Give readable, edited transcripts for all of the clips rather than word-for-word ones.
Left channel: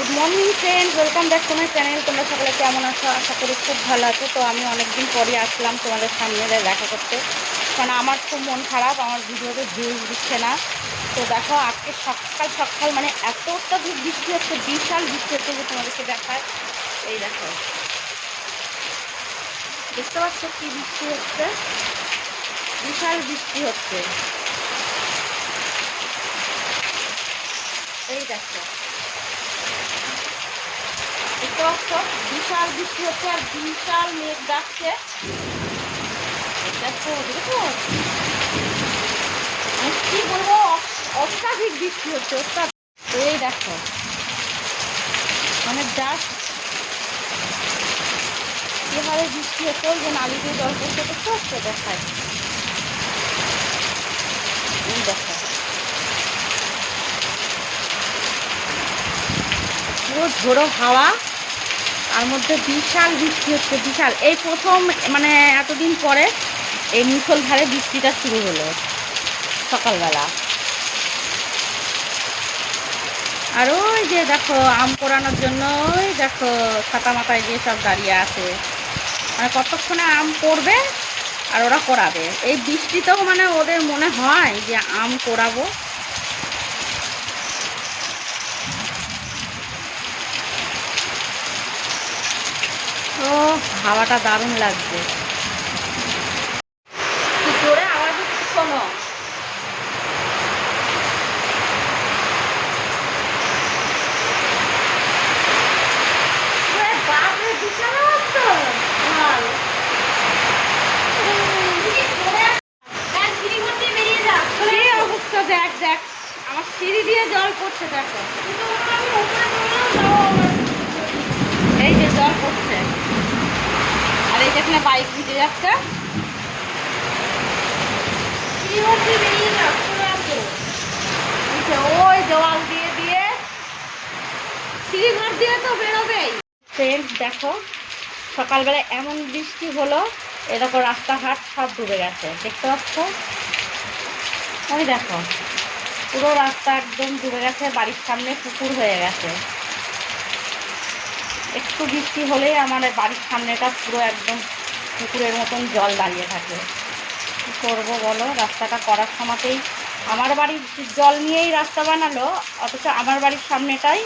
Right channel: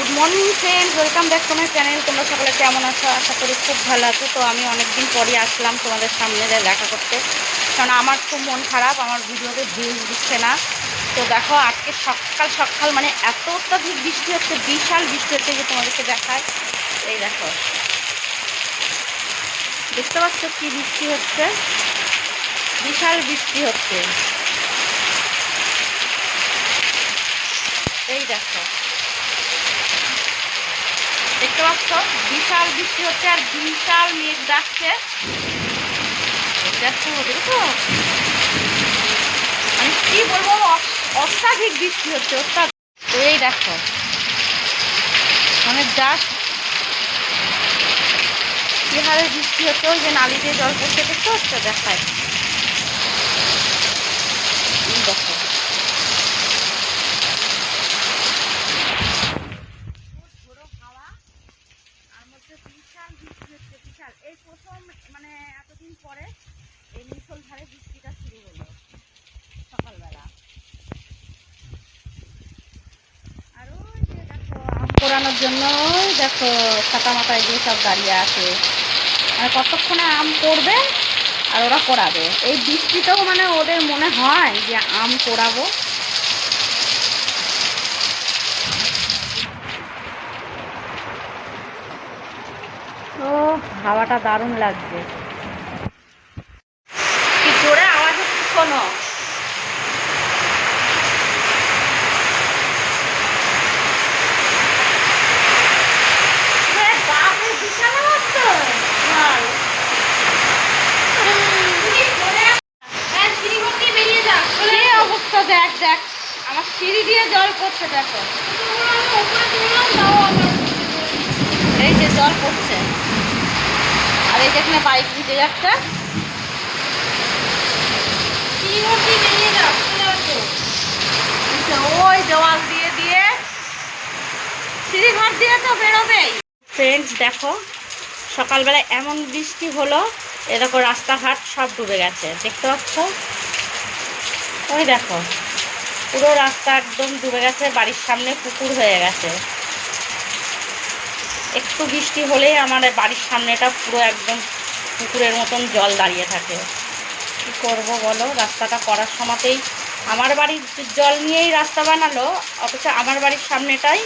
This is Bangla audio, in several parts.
Good morning friends, welcome back to my channel. তোমরা সকলে কেমন আছো? আশা করি খুব ভালো আছো। তো আমি অনেকদিন পরে আসলাম তোমাদের সামনে দেখা করতে, কারণ আমার খুব মন খারাপ, আমার ভিডিওতে ভিউজ দিচ্ছে না। তো দেখো আজকে সকাল সকাল মানে এত অত্যাধিক বৃষ্টি হচ্ছে, বিশাল বৃষ্টি হচ্ছে, যে তোমাদেরকে দেখায়। এই দেখো, দেখতে পাচ্ছ কি বৃষ্টি হচ্ছে? বিশাল বৃষ্টি হচ্ছে। এই দেখো, দেখতে পাচ্ছ বিশাল বৃষ্টি হচ্ছে আর বিশাল মেঘ ডাকছে। দেখছো, দেখছো, মানে কি বলবো, অত্যাধিক বৃষ্টি হচ্ছে, অত্যাধিক। তো এই দেখো, মানে জাস্ট কি হারে বৃষ্টি হচ্ছে, ওই যে নালি দিয়ে জল পড়ছে, দেখতে পাচ্ছ? দেখায়, এই দেখো পুরো ঝোড়ো হাওয়া, তার মধ্যে বিশাল বৃষ্টি হচ্ছে, বিশাল। এই প্রথম মানে এতদিন পরে এই মুষলধারে বৃষ্টিটা শুরু হলো সকালবেলা। আর ওই যে দেখো আম পোড়ানোর জন্য, ওই দেখো ছাতা মাথায় দিয়ে সব দাঁড়িয়ে আছে, মানে কতক্ষণে আম পড়বে আর ওরা পোড়াবে। এই বৃষ্টিতেও মানে ওদের মনে হয় যে আম পোড়াবো। তো হাওয়াটা দারুণ লাগছে, কি জোরে আওয়াজ হচ্ছে শোনো। বিশাল আওয়াজ তো, কি অবস্থা, দেখ দেখ আমার সিঁড়ি দিয়ে জল পড়ছে, দেখো এই যে জল পড়ছে। আর এই যেখানে বাইক ভিজে যাচ্ছে, ওই জল দিয়ে দিয়ে সিঁড়িঘর দিয়ে তো বেরোবেই। ফ্রেন্ডস দেখো, সকালবেলা এমন বৃষ্টি হলো, এরকম রাস্তাঘাট সব ডুবে গেছে, দেখতে পাচ্ছ? ওই দেখো পুরো রাস্তা একদম ডুবে গেছে, বাড়ির সামনে পুকুর হয়ে গেছে। একটু বৃষ্টি হলেই আমার বাড়ির সামনেটা পুরো একদম পুকুরের মতন জল দাঁড়িয়ে থাকে। কী করবো বলো, রাস্তাটা করার সময়তেই আমার বাড়ির জল নিয়েই রাস্তা বানালো, অথচ আমার বাড়ির সামনেটাই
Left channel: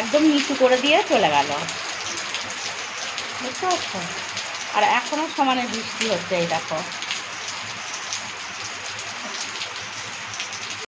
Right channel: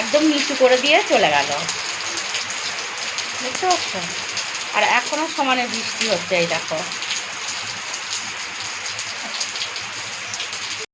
একদম নিচু করে দিয়ে চলে গেল, বুঝতে পারছো? আর এখনও সমানে বৃষ্টি হচ্ছে, এই দেখো।